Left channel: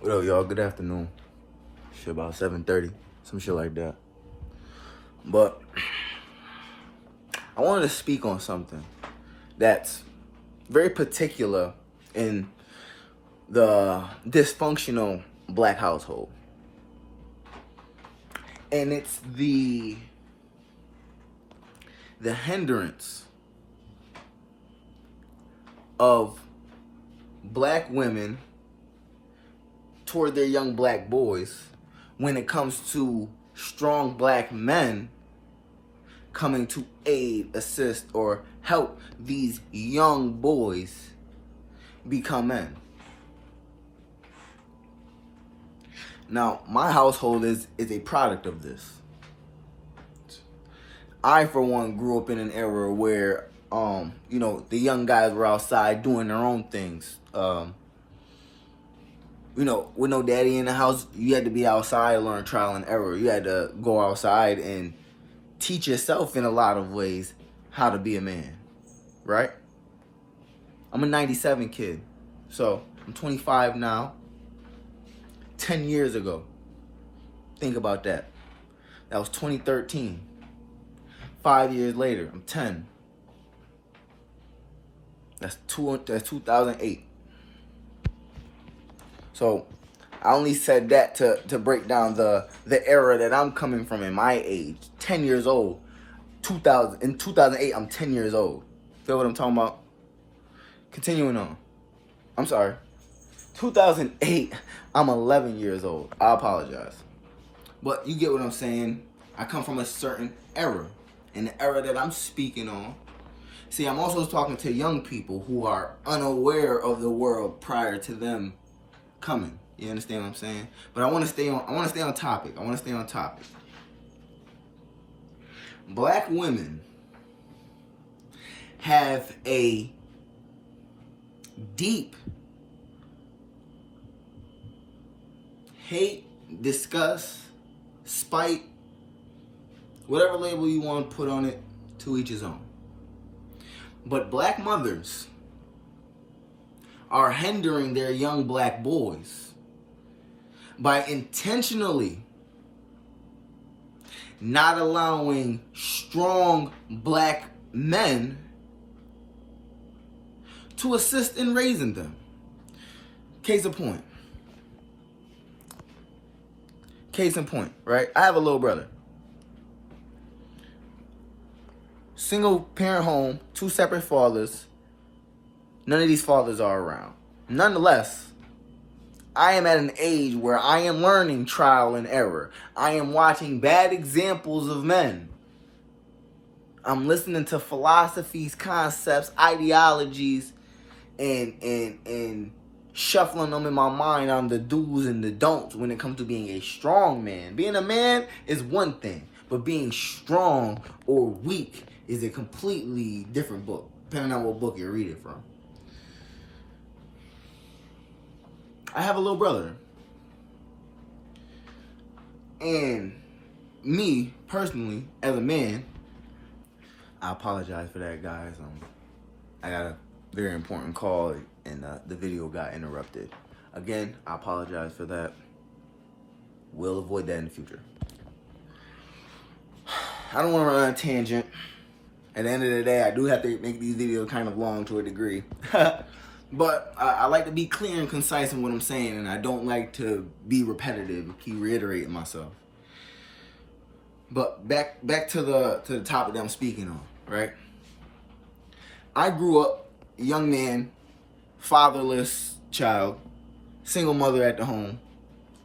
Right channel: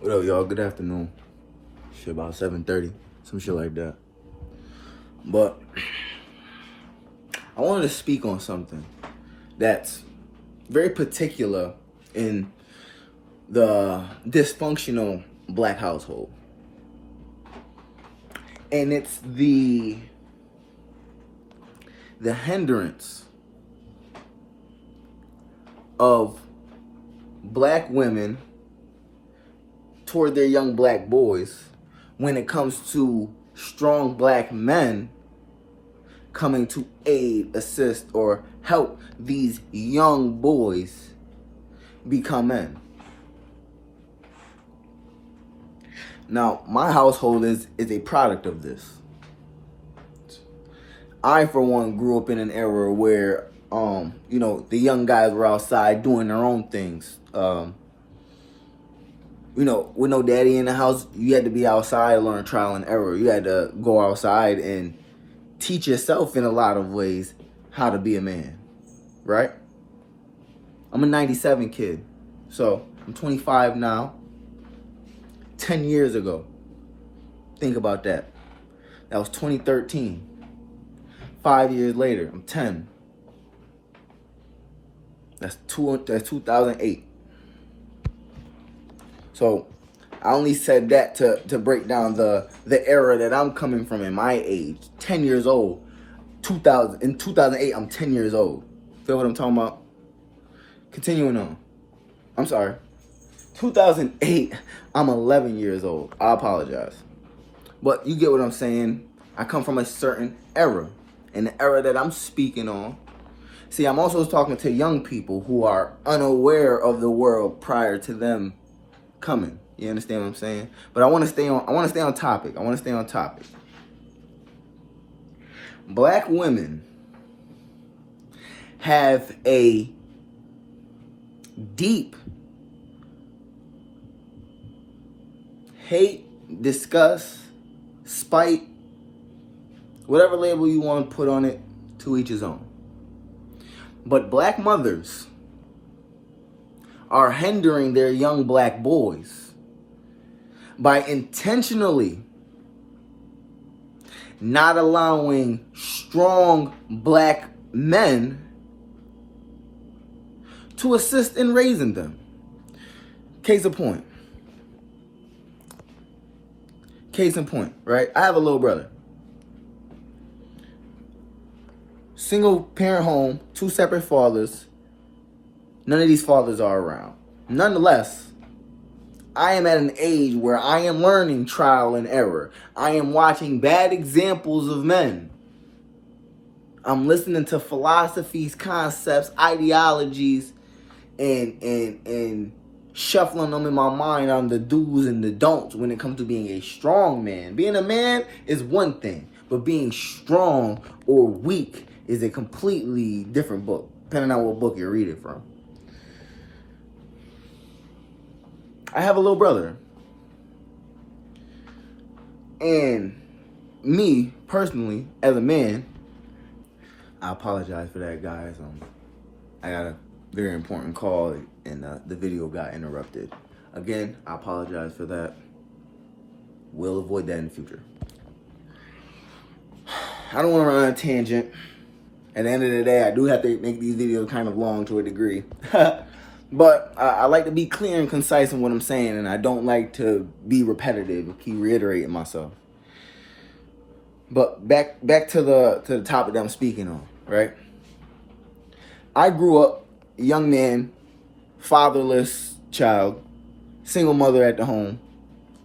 What up, y'all? Good afternoon. Shit, about 7:30, some shit like that. But I wanted to speak on something that's very particular in the dysfunctional black household. And it's the hindrance of black women toward their young black boys when it comes to strong black men coming to aid, assist, or help these young boys become men. Now, my household is a product of this. I, for one, grew up in an era where, the young guys were outside doing their own things. With no daddy in the house, you had to be outside, learn trial and error. You had to go outside and teach yourself in a lot of ways how to be a man, right? I'm a 97 kid, so I'm 25 now. 10 years ago, think about that. That was 2013. 5 years later, I'm 10. That's 2008. So I only said that to break down the era that I'm coming from in my age. 10 years old. In 2008, I'm 10 years old. Feel what I'm talking about? Continuing on. I'm sorry. 2008, I'm 11 years old. I apologize. But you get what I'm saying. I come from a certain era. And the era that I'm speaking on. See, I'm also talking to young people who are unaware of the world prior to them coming. You understand what I'm saying? But I want to stay on topic. Black women have a deep hate, disgust, spite, whatever label you want to put on it, to each his own. But black mothers are hindering their young black boys by intentionally not allowing strong black men to assist in raising them. Case in point, right? I have a little brother. Single parent home, 2 separate fathers. None of these fathers are around. Nonetheless, I am at an age where I am learning trial and error. I am watching bad examples of men. I'm listening to philosophies, concepts, ideologies, and shuffling them in my mind on the do's and the don'ts when it comes to being a strong man. Being a man is one thing, but being strong or weak is a completely different book, depending on what book you're reading from. I have a little brother. And me, personally, as a man, I apologize for that, guys. I got a very important call and the video got interrupted. Again, I apologize for that. We'll avoid that in the future. I don't want to run on a tangent. At the end of the day, I do have to make these videos kind of long to a degree. But I like to be clear and concise in what I'm saying, and I don't like to be repetitive or keep reiterating myself. But back to the topic that I'm speaking on, right? I grew up a young man, fatherless child, single mother at the home.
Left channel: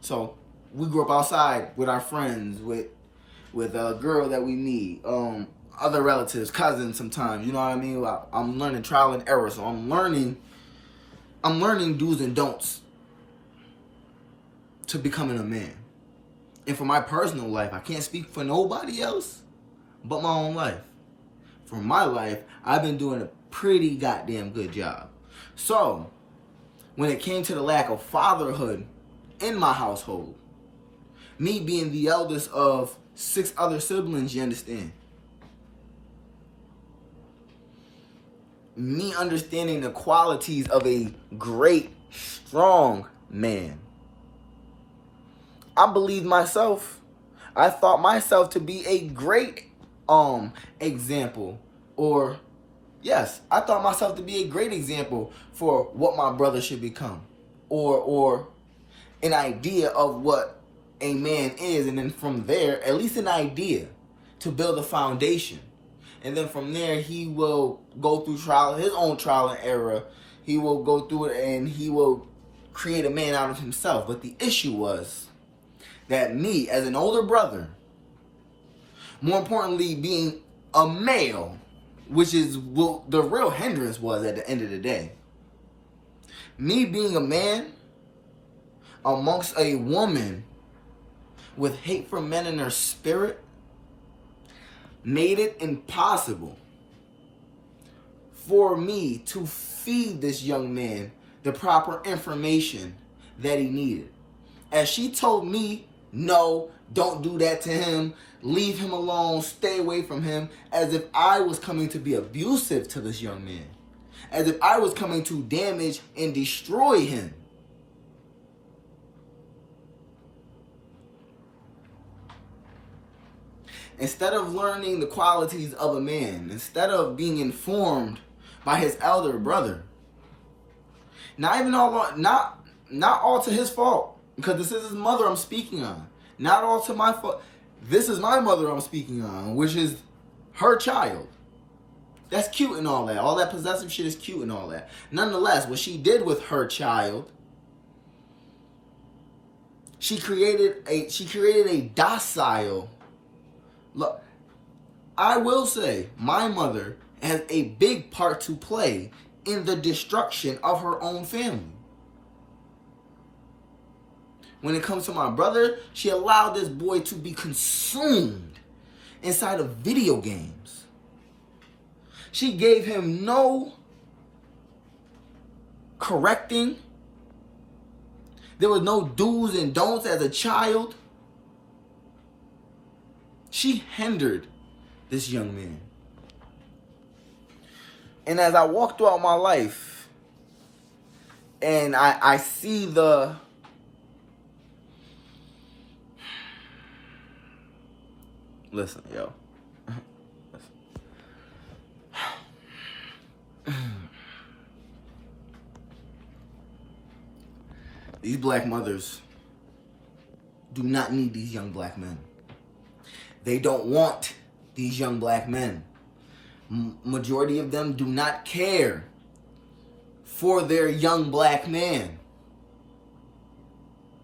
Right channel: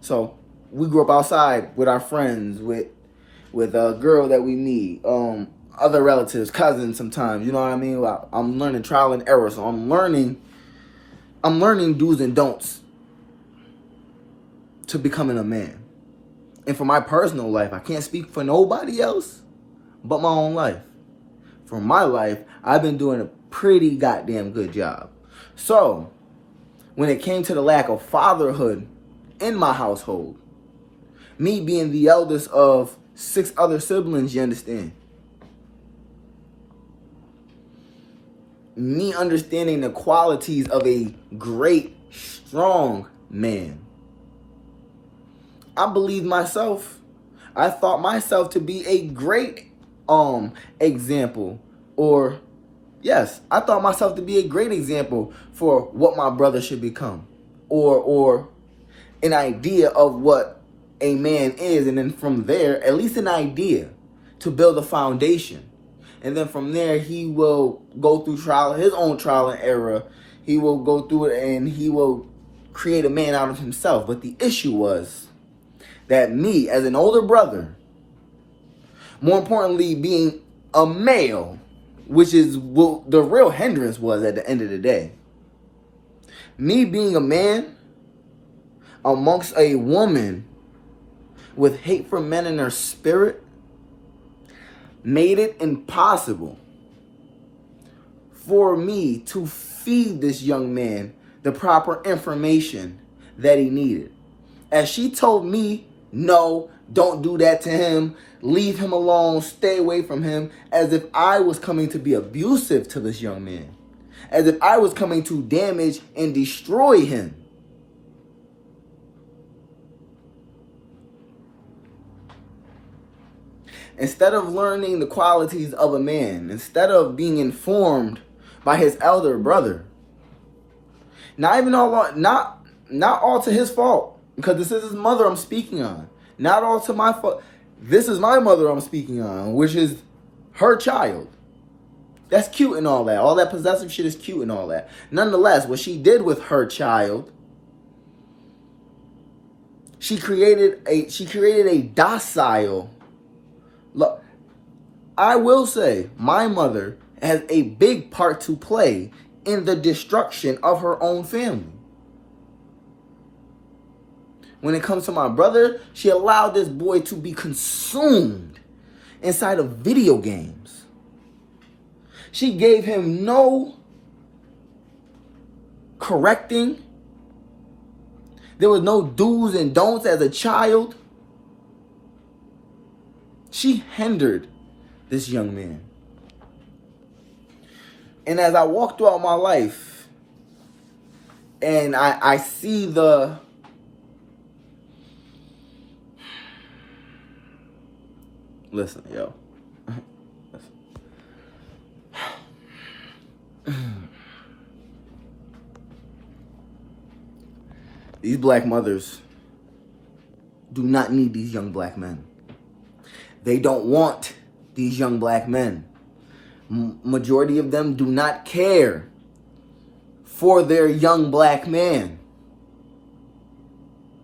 So we grew up outside with our friends, with a girl that we meet, other relatives, cousins sometimes, you know what I mean? I'm learning trial and error, so I'm learning do's and don'ts to becoming a man. And for my personal life, I can't speak for nobody else but my own life. For my life, I've been doing a pretty goddamn good job. So, when it came to the lack of fatherhood in my household, me being the eldest of 6 other siblings, you understand? Me understanding the qualities of a great, strong man. I believed myself. I thought myself to be a great example. Or yes, I thought myself to be a great example for what my brother should become. Or an idea of what a man is, and then from there, at least an idea to build a foundation. And then from there, he will go through his own trial and error. He will go through it and he will create a man out of himself. But the issue was that me, as an older brother, more importantly, being a male, which is what the real hindrance was at the end of the day. Me being a man amongst a woman with hate for men in her spirit made it impossible for me to feed this young man the proper information that he needed. As she told me, no, don't do that to him, leave him alone, stay away from him, as if I was coming to be abusive to this young man, as if I was coming to damage and destroy him. Instead of learning the qualities of a man, instead of being informed by his elder brother, not all to his fault, because this is his mother I'm speaking on. Not all to my fault. This is my mother I'm speaking on, which is her child. That's cute and all that. All that possessive shit is cute and all that. Nonetheless, what she did with her child, she created a docile. Look, I will say my mother has a big part to play in the destruction of her own family. When it comes to my brother, she allowed this boy to be consumed inside of video games. She gave him no correcting. There was no do's and don'ts as a child. She hindered this young man. And as I walk throughout my life and I see the listen, yo. These black mothers do not need these young black men. They don't want these young black men. Majority of them do not care for their young black man.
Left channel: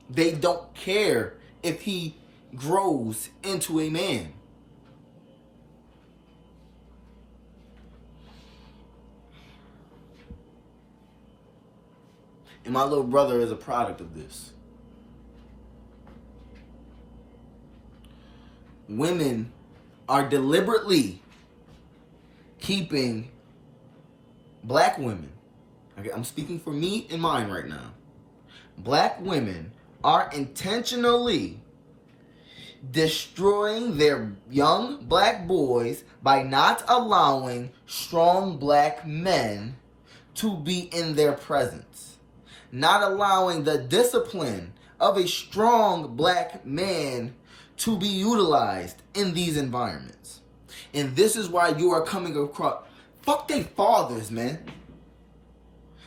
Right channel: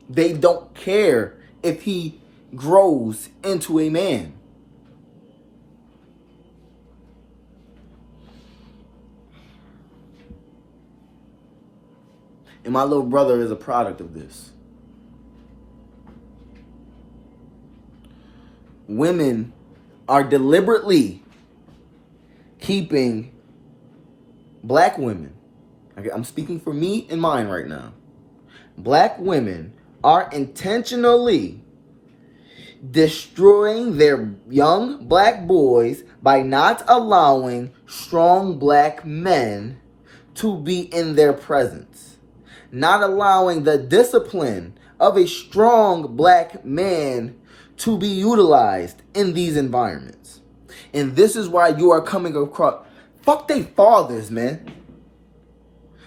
They don't care if he grows into a man. And my little brother is a product of this. Women are deliberately keeping black women, I'm speaking for me and mine right now. Black women are intentionally destroying their young black boys by not allowing strong black men to be in their presence. Not allowing the discipline of a strong black man to be utilized in these environments. And this is why you are coming across, fuck they fathers, man.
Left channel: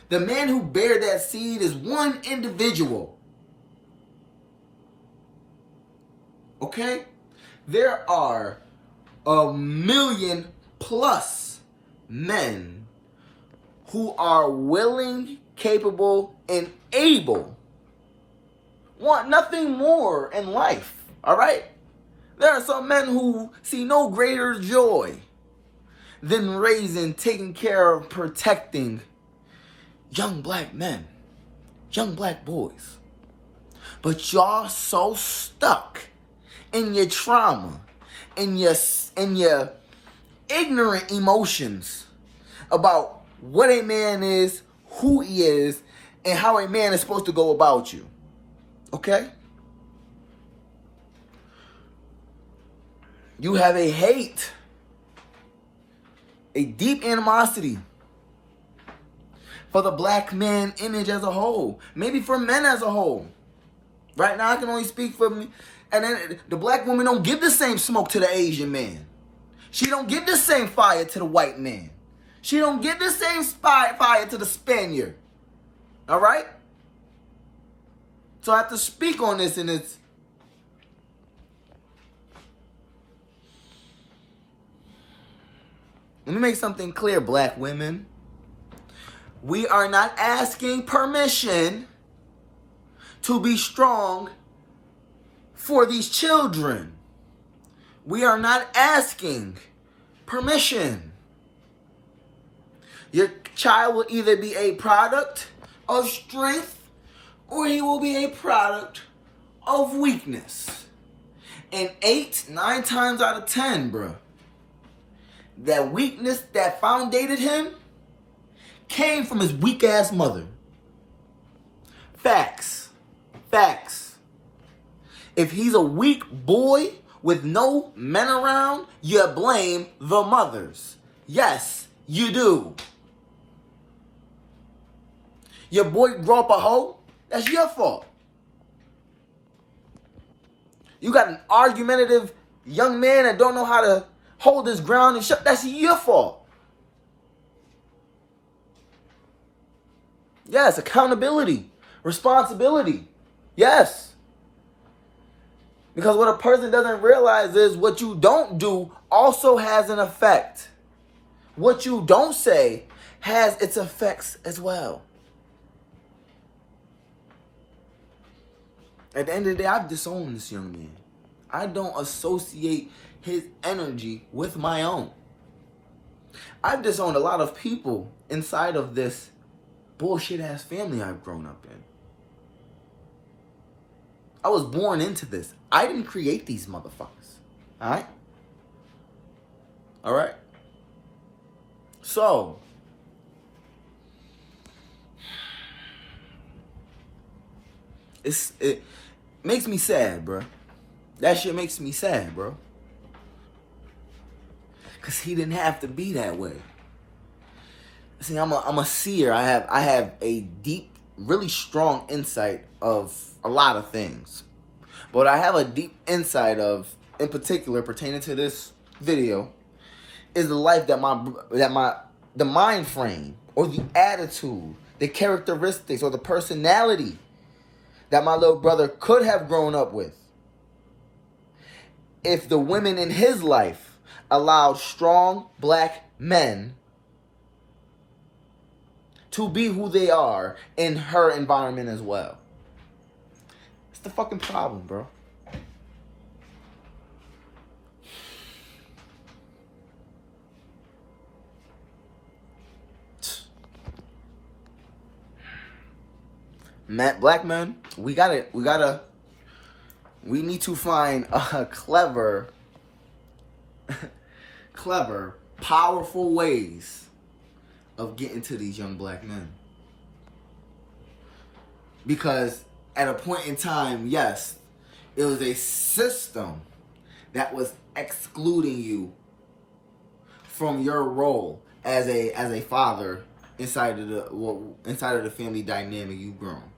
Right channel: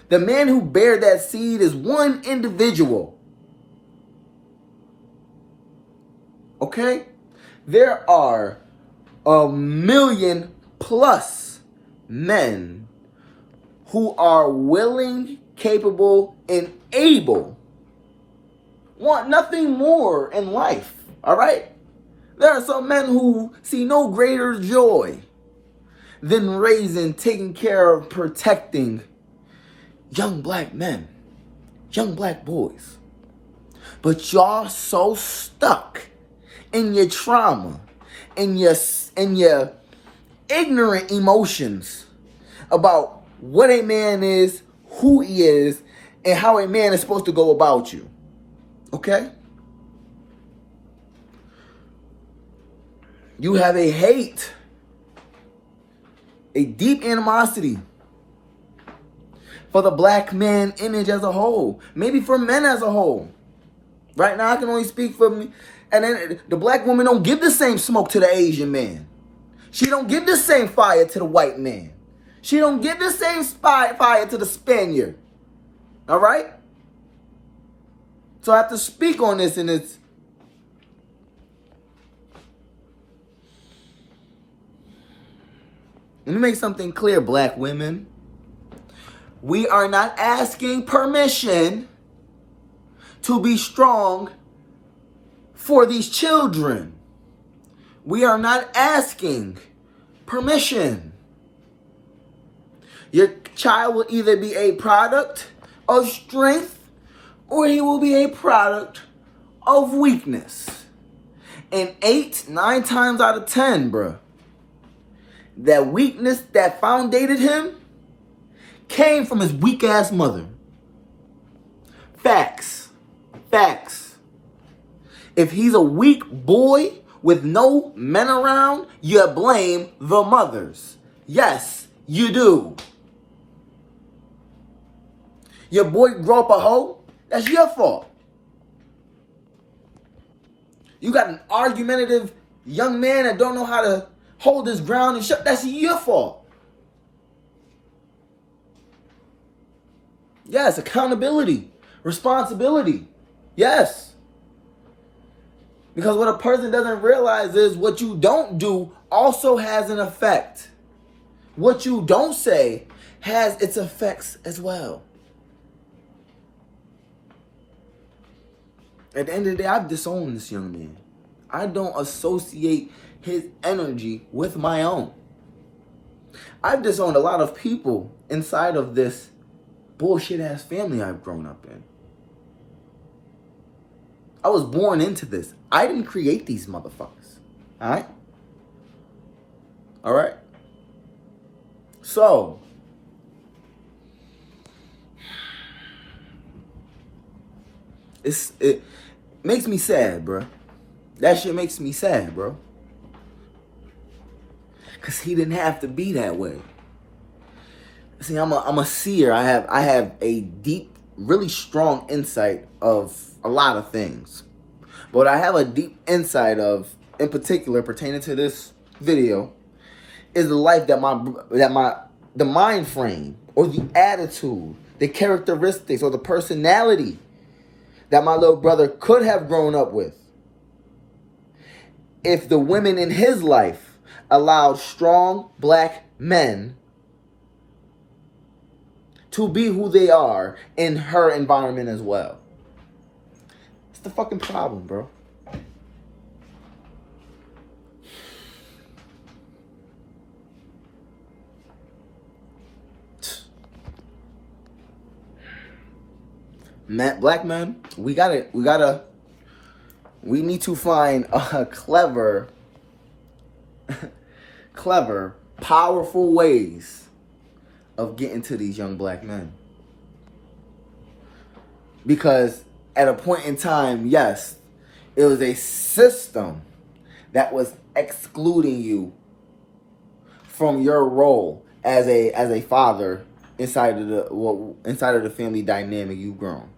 The man who bared that seed is one individual. Okay? There are 1,000,000+ men who are willing, capable, and able. Want nothing more in life. All right? There are some men who see no greater joy than raising, taking care of, protecting young black men, young black boys. But y'all so stuck in your trauma, in your ignorant emotions about what a man is, who he is, and how a man is supposed to go about you. Okay? You have a hate, a deep animosity for the black man image as a whole, maybe for men as a whole. Right now, I can only speak for me. And then the black woman don't give the same smoke to the Asian man. She don't give the same fire to the white man. She don't give the same fire to the Spaniard. All right? So I have to speak on this, and it's... Let me make something clear, black women. We are not asking permission to be strong for these children. We are not asking permission. Your child will either be a product of strength or he will be a product of weakness. And 9 times out of 10, bruh, that weakness that foundated him came from his weak-ass mother. Facts. Facts. If he's a weak boy with no men around, you blame the mothers. Yes, you do. Your boy grow up a hoe, that's your fault. You got an argumentative young man that don't know how to hold his ground and shut, that's your fault. Yes, accountability, responsibility. Yes. Because what a person doesn't realize is what you don't do also has an effect. What you don't say has its effects as well. At the end of the day, I've disowned this young man. I don't associate his energy with my own. I've disowned a lot of people inside of this bullshit ass family I've grown up in. I was born into this. I didn't create these motherfuckers. Alright? Alright? So, it makes me sad, bro. That shit makes me sad, bro. Cause he didn't have to be that way. See, I'm a seer. I have a deep, really strong insight of a lot of things. But I have a deep insight of, in particular, pertaining to this video, is the life the mind frame or the attitude, the characteristics or the personality that my little brother could have grown up with if the women in his life allowed strong black men to be who they are in her environment as well. It's the fucking problem, bro. Black men, we need to find clever, powerful ways of getting to these young black men. Because at a point in time, yes, it was a system that was excluding you from your role as a father inside of the family dynamic you've grown.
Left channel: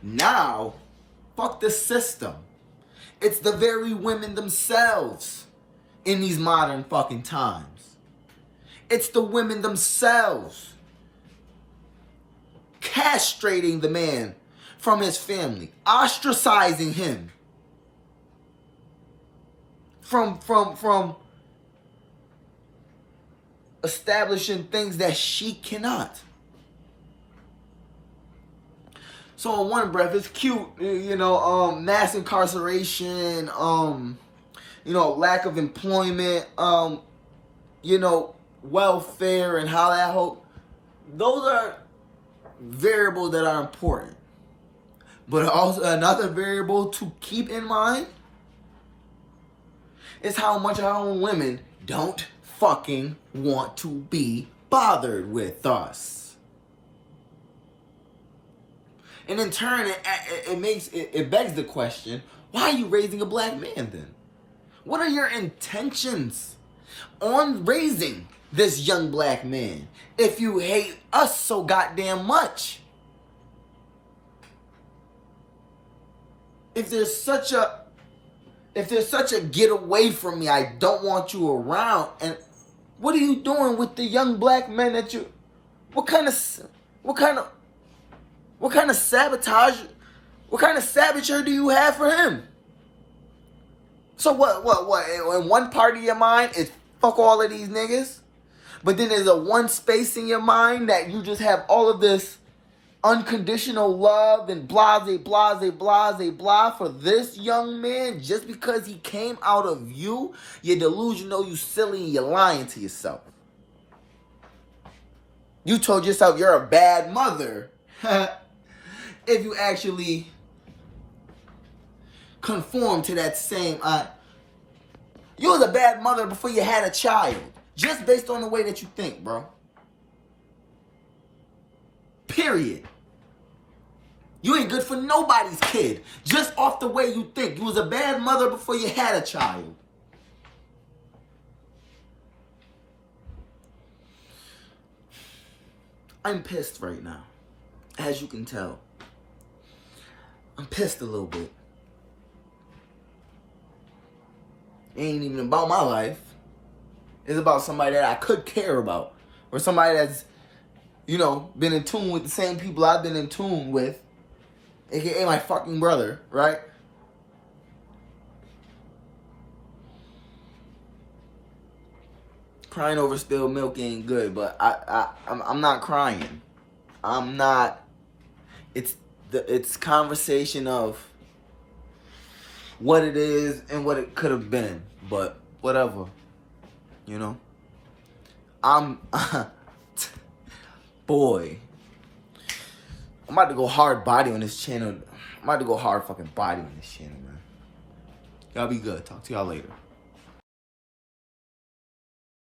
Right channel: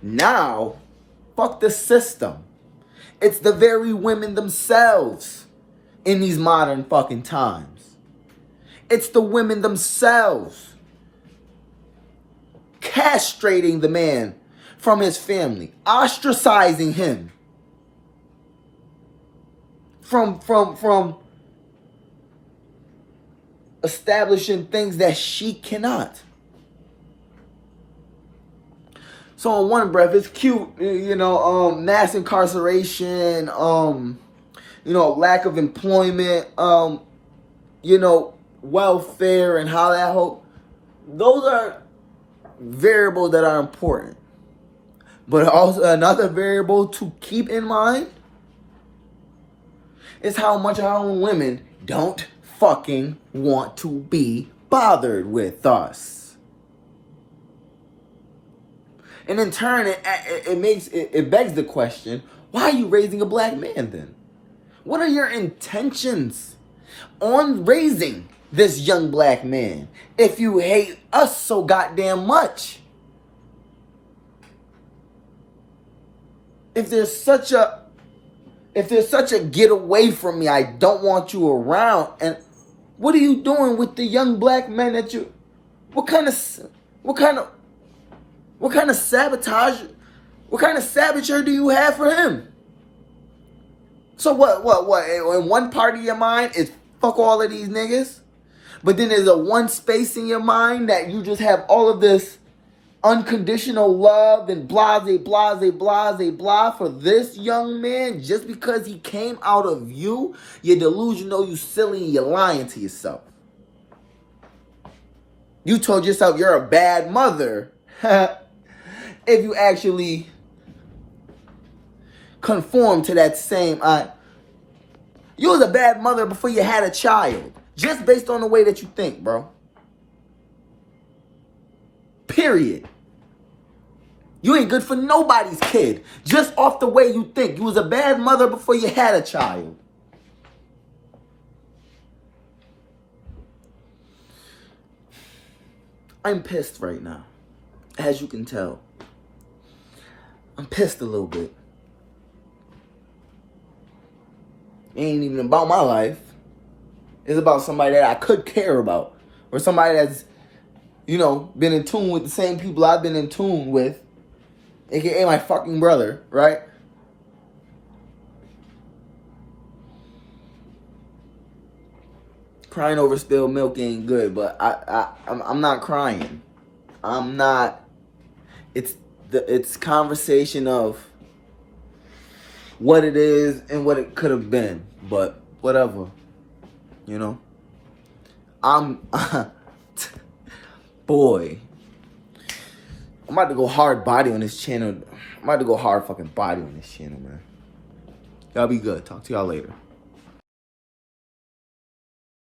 Now, fuck the system. It's the very women themselves in these modern fucking times. It's the women themselves castrating the man from his family, ostracizing him from establishing things that she cannot. So on one breath, it's cute, mass incarceration, lack of employment, welfare and how that whole, those are variables that are important. But also another variable to keep in mind is how much our own women don't fucking want to be bothered with us. And in turn, it begs the question, why are you raising a black man then? What are your intentions on raising this young black man if you hate us so goddamn much? if there's such a get away from me, I don't want you around. And what are you doing with the young black men that you? What kind of sabotage? What kind of saboteur do you have for him? So what? In one part of your mind is fuck all of these niggas, but then there's a one space in your mind that you just have all of this unconditional love and blase for this young man just because he came out of you. You're delusional, you silly, and you're lying to yourself. You told yourself you're a bad mother if you actually conform to that same. You was a bad mother before you had a child, just based on the way that you think, bro. Period. You ain't good for nobody's kid, just off the way you think. You was a bad mother before you had a child. I'm pissed right now, as you can tell. I'm pissed a little bit. It ain't even about my life. It's about somebody that I could care about. Or somebody that's, been in tune with the same people I've been in tune with. AKA my fucking brother, right? Crying over spilled milk ain't good, but I'm not crying. I'm not. It's conversation of what it is and what it could have been, but whatever, I'm boy. I'm about to go hard body on this channel. I'm about to go hard fucking body on this channel, man. Y'all be good. Talk to y'all later.